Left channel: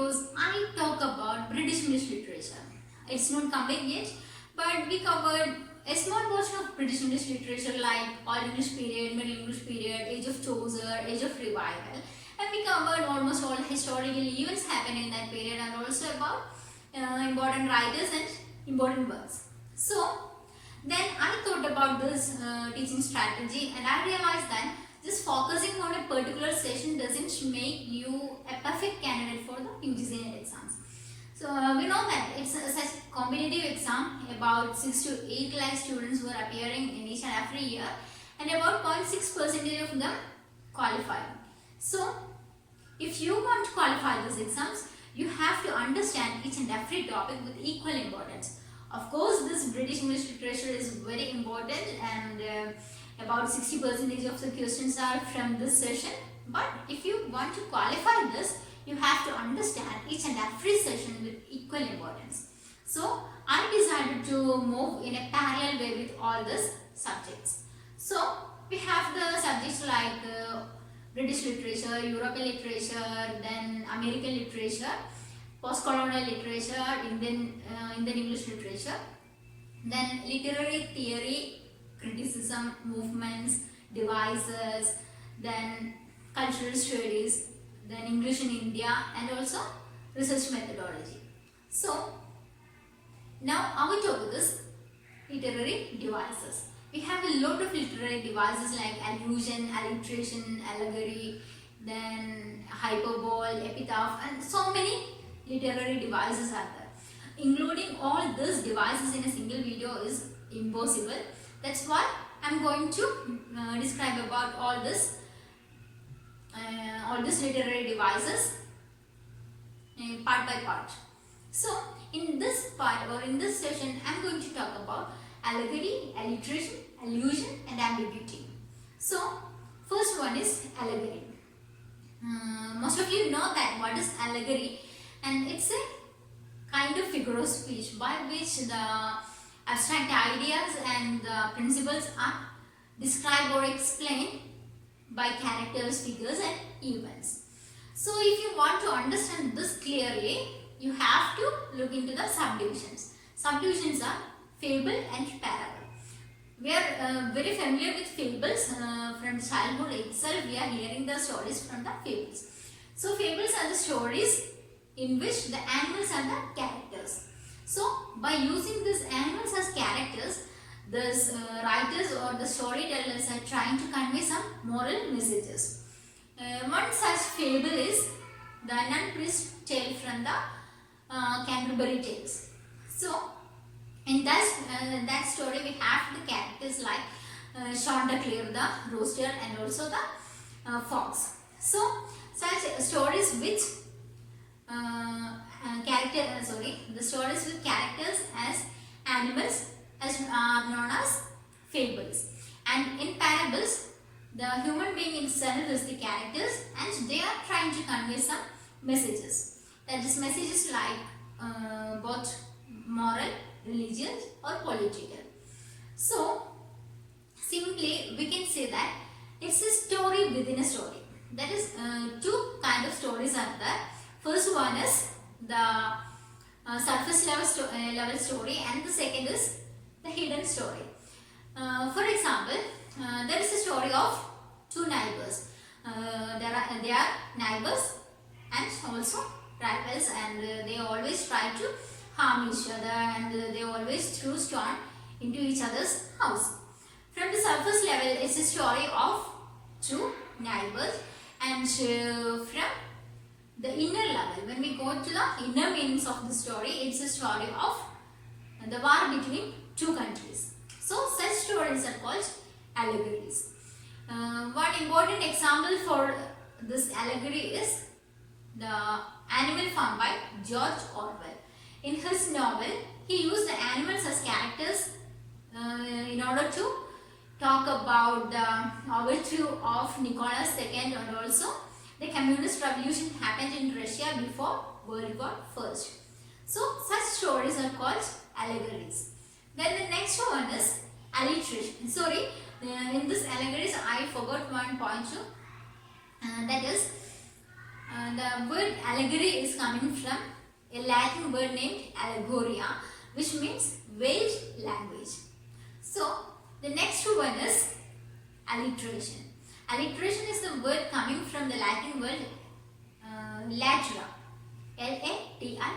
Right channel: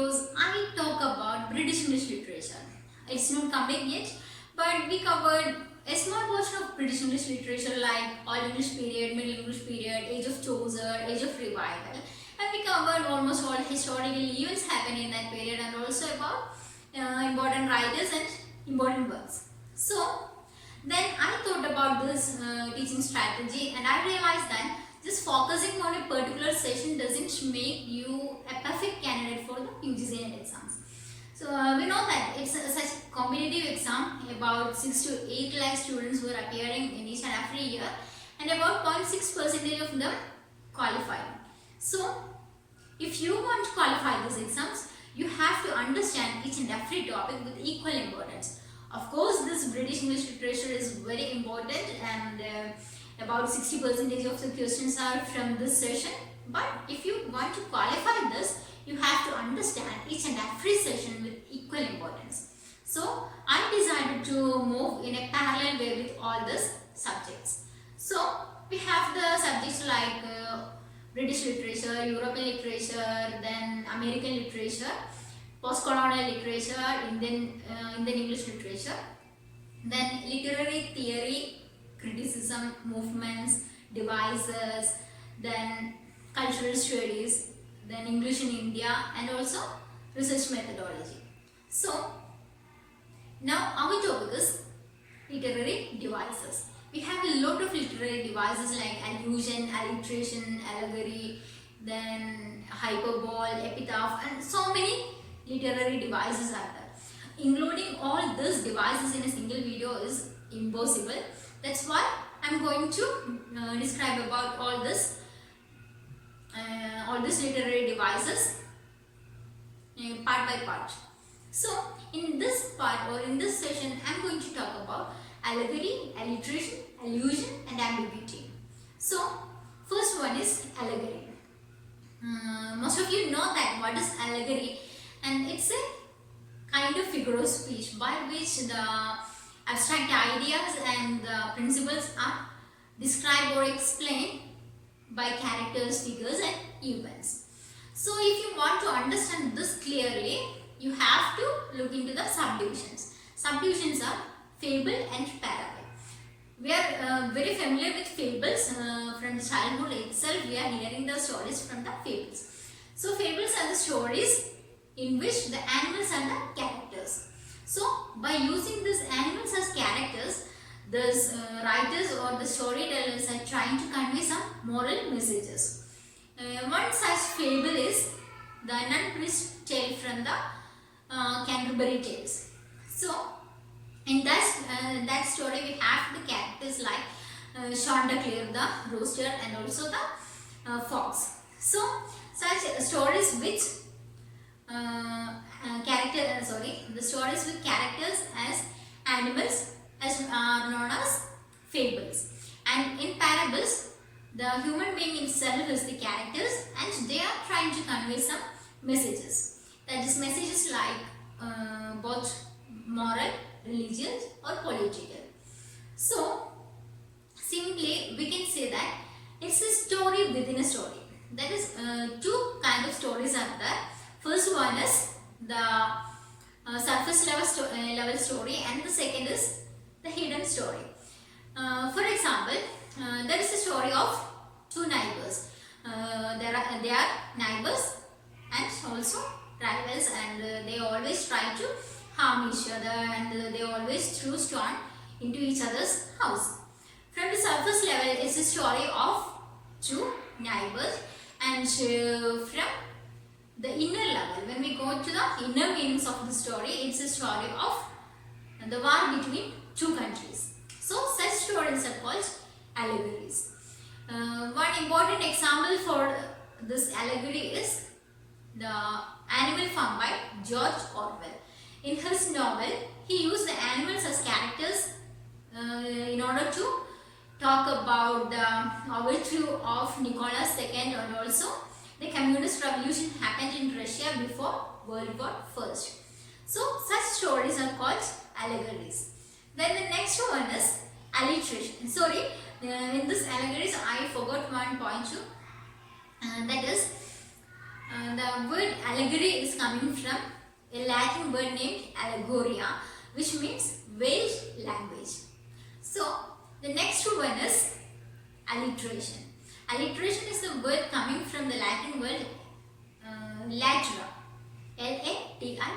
videos, I talk about British English literature. It's not complete yet, but we covered a small portion of British English literature like Old English period, Middle English period, Age of Chaucer, Age of Revival, and we covered almost all historical events happened in that period and also about important writers and important works. So then I thought about this teaching strategy and I realized that just focusing on a particular session doesn't make you a perfect candidate for the UGC NET exams. So we know that it's such a competitive exam, about 6 to 8 lakh students were appearing in each and every year and about 0.6% of them qualified. So if you want to qualify these exams, you have to understand each and every topic with equal importance. Of course, this British English literature is very important and about 60% of the questions are from this session. But if you want to qualify this, you have to understand each and every session with equal importance. So, I decided to move in a parallel way with all these subjects. So, we have the subjects like British literature, European literature, then American literature, post-colonial literature, Indian English literature, then literary theory, criticism, movements, devices, then cultural studies, then English in India, and also research methodology. So now our topic is literary devices. We have a lot of literary devices like allusion, alliteration, allegory, then hyperbole, epitaph, and so many literary devices are there. Including all these devices in a single video is impossible. That's why I'm going to describe about all these literary devices part by part. So in this part or in this session, I'm going to talk about allegory, alliteration, allusion, and ambiguity. So first one is allegory. Most of you know that what is allegory, and it's a kind of figure of speech by which the abstract ideas and the principles are described or explained by characters, figures, and events. So if you want to understand this clearly, you have to look into the subdivisions. Subdivisions are fable and parable. We are very familiar with fables from childhood itself. We are hearing the stories from the fables. So fables are the stories in which the animals are the characters. So by using these animals as characters, the writers or the storytellers are trying to convey some moral messages. One such fable is the Nun-Priest Tale from the Canterbury Tales. So in that story we have the characters like Chanticleer, the rooster, and also the fox. So such stories which the stories with characters as animals are known as fables, and in parables the human being himself is the characters and they are trying to convey some messages. That is messages like both moral, religious, or political. So simply we can say that it's a story within a story. That is two kind of stories are there. First one is the surface level story, and the second is the hidden story. For example, there is a story of two neighbors. They are neighbors and also rivals, and they always try to harm each other, and they always throw stone into each other's house. From the surface level, it's a story of two neighbors, and from the inner level, when we go to the inner meanings of the story, it's a story of the war between two countries. So such stories are called allegories. One important example for this allegory is the Animal Farm by George Orwell. In his novel, he used the animals as characters in order to talk about the overthrow of Nicholas II, and also the communist revolution happened in Russia before World War I. So such stories are called allegories. Then the next one is alliteration. Sorry, in this allegories I forgot one point too. That is the word allegory is coming from a Latin word named allegoria, which means veiled language. So the next one is alliteration. Alliteration is a word coming from the Latin word latera, Latira,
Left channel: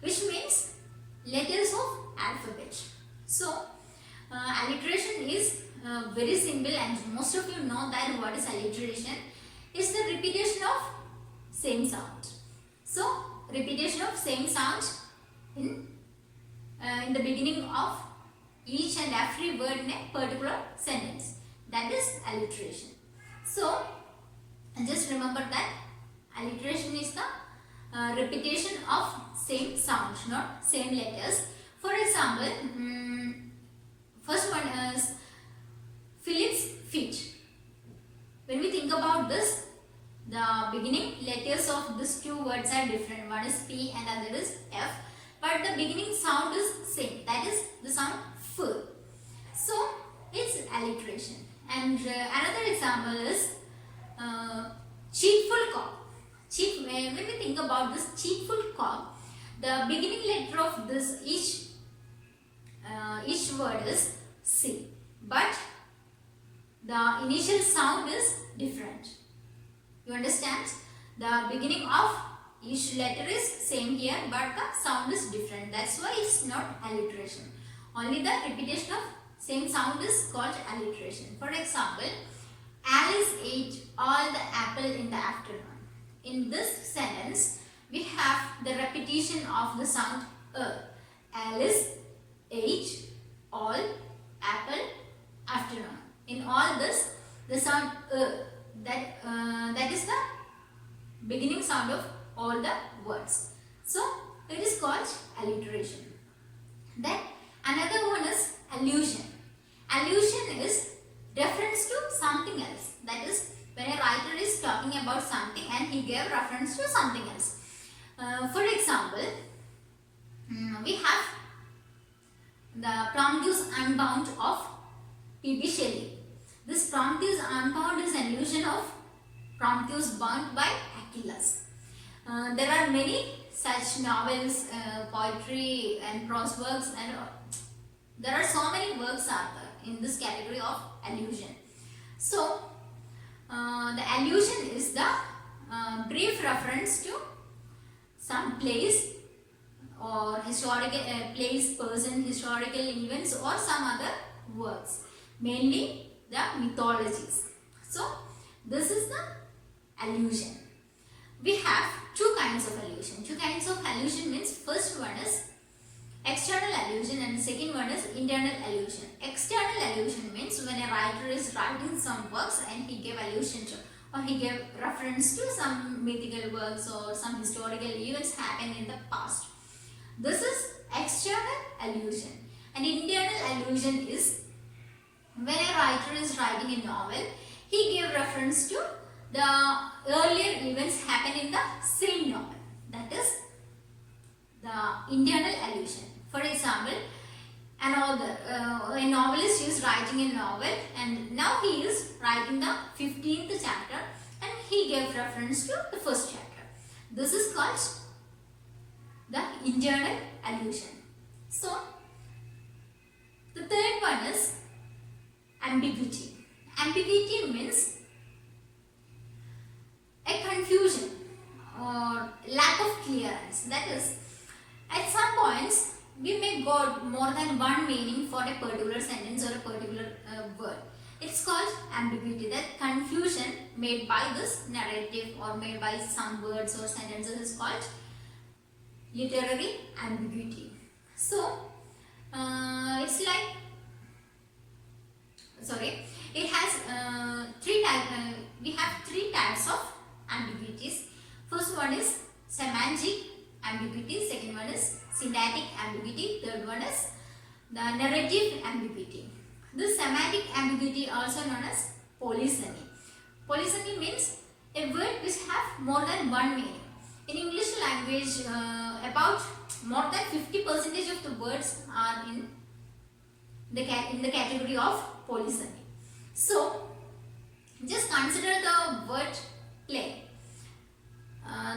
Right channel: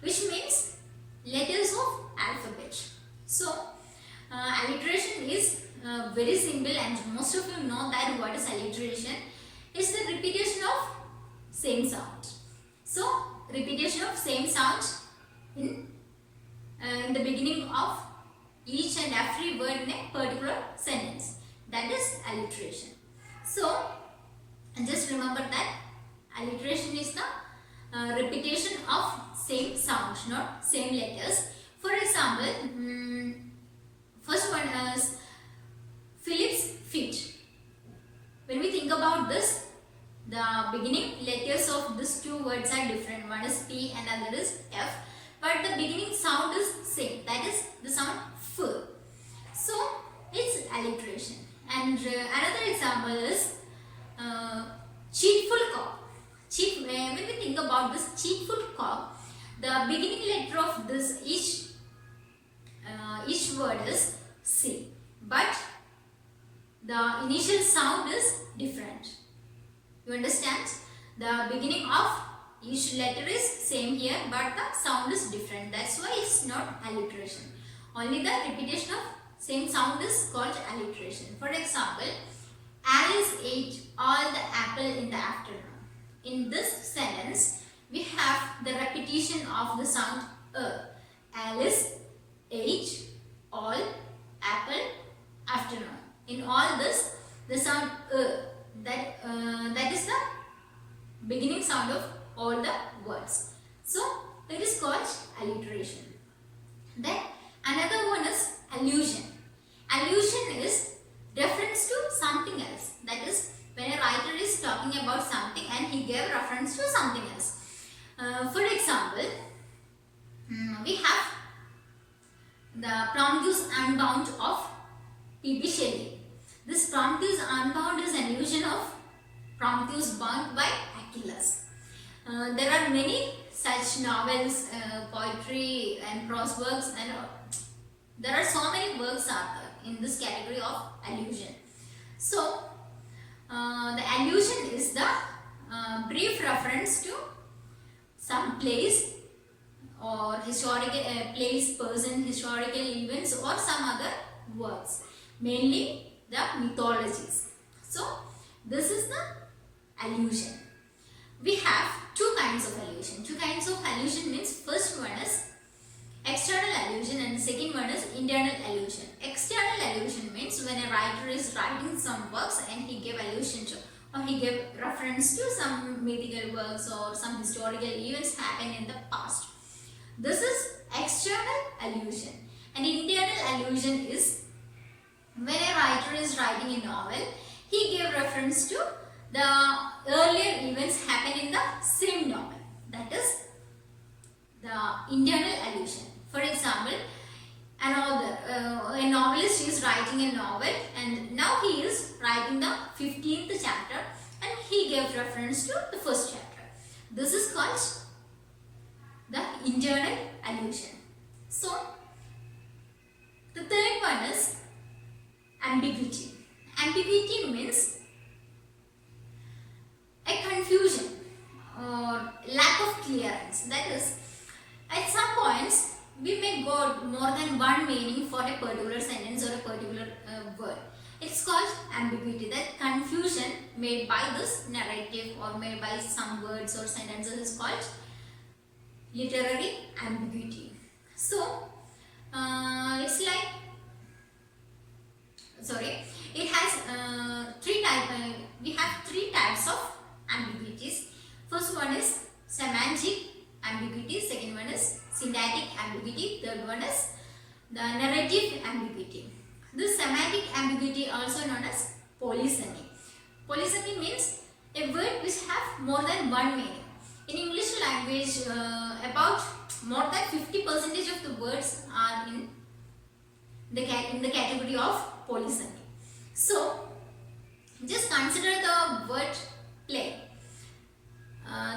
which means letters of alphabet. So alliteration is very simple, and most of you know that what is alliteration. It's the repetition of same sound. So repetition of same sound in the beginning of each and every word in a particular sentence. That is alliteration. So just remember that alliteration is the repetition of same sound, not same letters. For example, first one is Philip's feet. When we think about this, the beginning letters of these two words are different. One is P and other is F, but the beginning sound is same. That is the sound F. So it's alliteration. And another example is cheerful cock. When we think about this cheerful cock, the beginning letter of this each word is C, but the initial sound is different. You understand? The beginning of each letter is same here, but the sound is different. That's why it's not alliteration. Only the repetition of same sound is called alliteration. For example, Alice ate all the apple in the afternoon. In this sentence, we have the repetition of the sound Alice ate all apple afternoon. In all this, the sound that is the beginning sound of all the words. So it is called alliteration. Then another one is allusion. Allusion is reference to something else. That is, when a writer is talking about something and he gave reference to something else. For example, we have the Prometheus Unbound of P.B. Shelley. This Prometheus Unbound is an allusion of Prometheus bound by Achilles. There are many such novels, poetry and prose works, and there are so many works out there in this category of allusion. So the allusion is the brief reference to some place or historical place, person, historical events, or some other works, mainly the mythologies. So this is the allusion. We have two kinds of allusion. Two kinds of allusion means first one is external allusion and the second one is internal allusion. External allusion means when a writer is writing some works and he gave allusion to, or he gave reference to some mythical works or some historical events happened in the past. This is external allusion. And internal allusion is when a writer is writing a novel, he gave reference to the earlier events happened in the same novel. That is the internal allusion. For example, a novelist is writing a novel and now he is writing the 15th chapter and he gave reference to the first chapter. This is called the internal allusion. So, the third one is ambiguity. Ambiguity means a confusion or lack of clearance. That is, at some points we may got more than one meaning for a particular sentence or a particular word. It's called ambiguity. That confusion made by this narrative or made by some words or sentences is called literary ambiguity. So it's like, it has we have three types of ambiguities. First one is semantic ambiguity, second one is syntactic ambiguity, third one is the narrative ambiguity. This semantic ambiguity also known as polysemy. Polysemy means a word which have more than one meaning. In English language, about more than 50% of the words are in the category of polysemy. So, just consider the word play.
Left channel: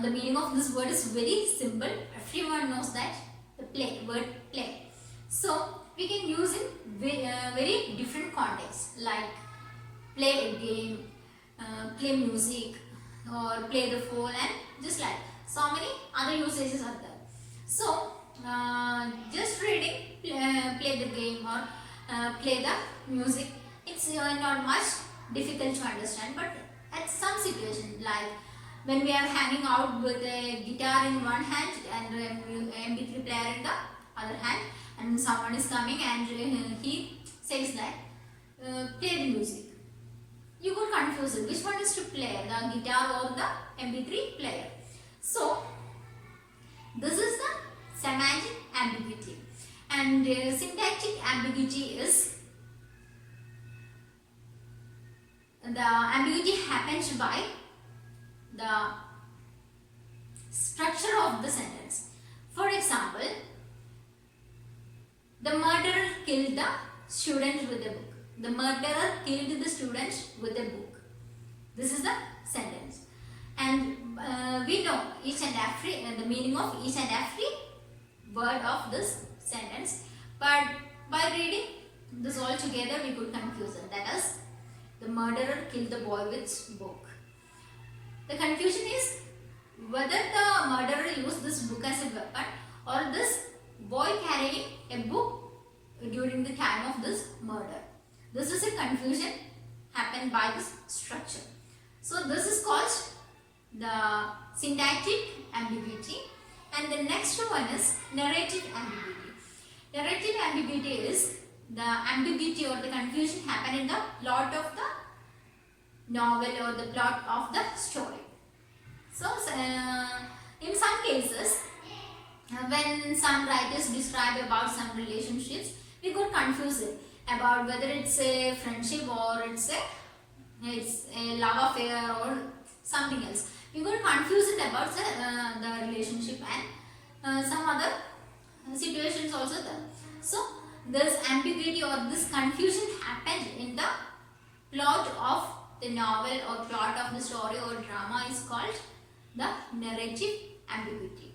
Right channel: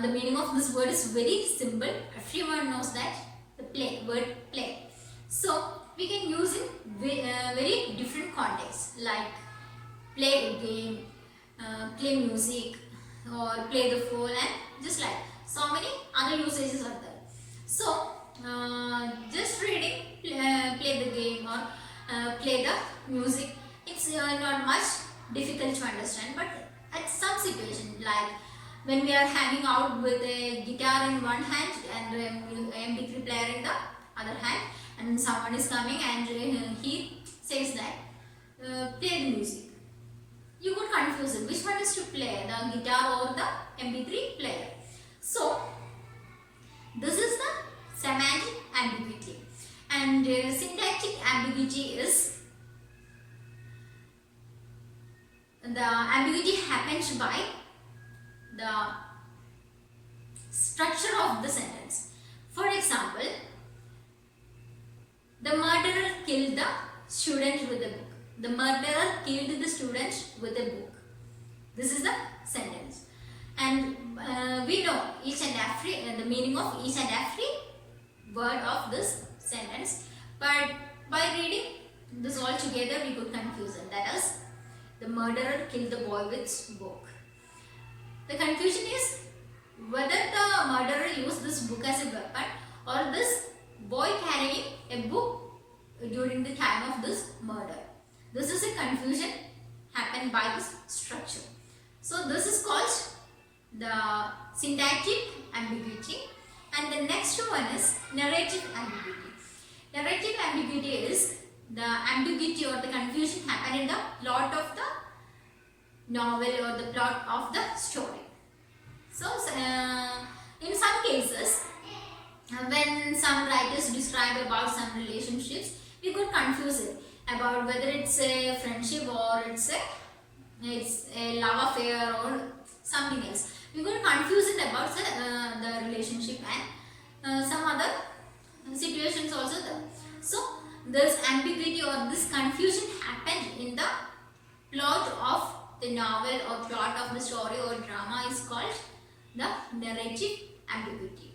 the meaning of this word is very simple. Everyone knows that, the word play. So we can use in very different contexts, like play a game, play music, or play the fool, and just like so many other usages are there. So just reading, play the game, or play the music, it's not much difficult to understand, but at some situation, like when we are hanging out with a guitar in one hand and MP3 player in the other hand, and someone is coming and he says that play the music, you could confuse it. Which one is to play, the guitar or the MP3 player? So this is the semantic ambiguity, and syntactic ambiguity is the ambiguity happens by the structure of the sentence. For example, the murderer killed the student with a book. The murderer killed the student with a book. This is the sentence, and we know each and every the meaning of each and every word of this sentence, but by reading this all together we could confuse it. That is, the murderer killed the boy with book. The confusion is whether the murderer used this book as a weapon, or this boy carrying a book during the time of this murder. This is a confusion happened by this structure. So this is called the syntactic ambiguity, and the next one is narrative ambiguity. Narrative ambiguity is the ambiguity or the confusion happen in the plot of the novel or the plot of the story. So in some cases, when some writers describe about some relationships, we could confuse it about whether it's a friendship or it's a love affair or something else. We could confuse it about the relationship and some other situations also there. So this ambiguity or this confusion happened in the plot of the novel or plot of the story or drama is called the narrative ambiguity.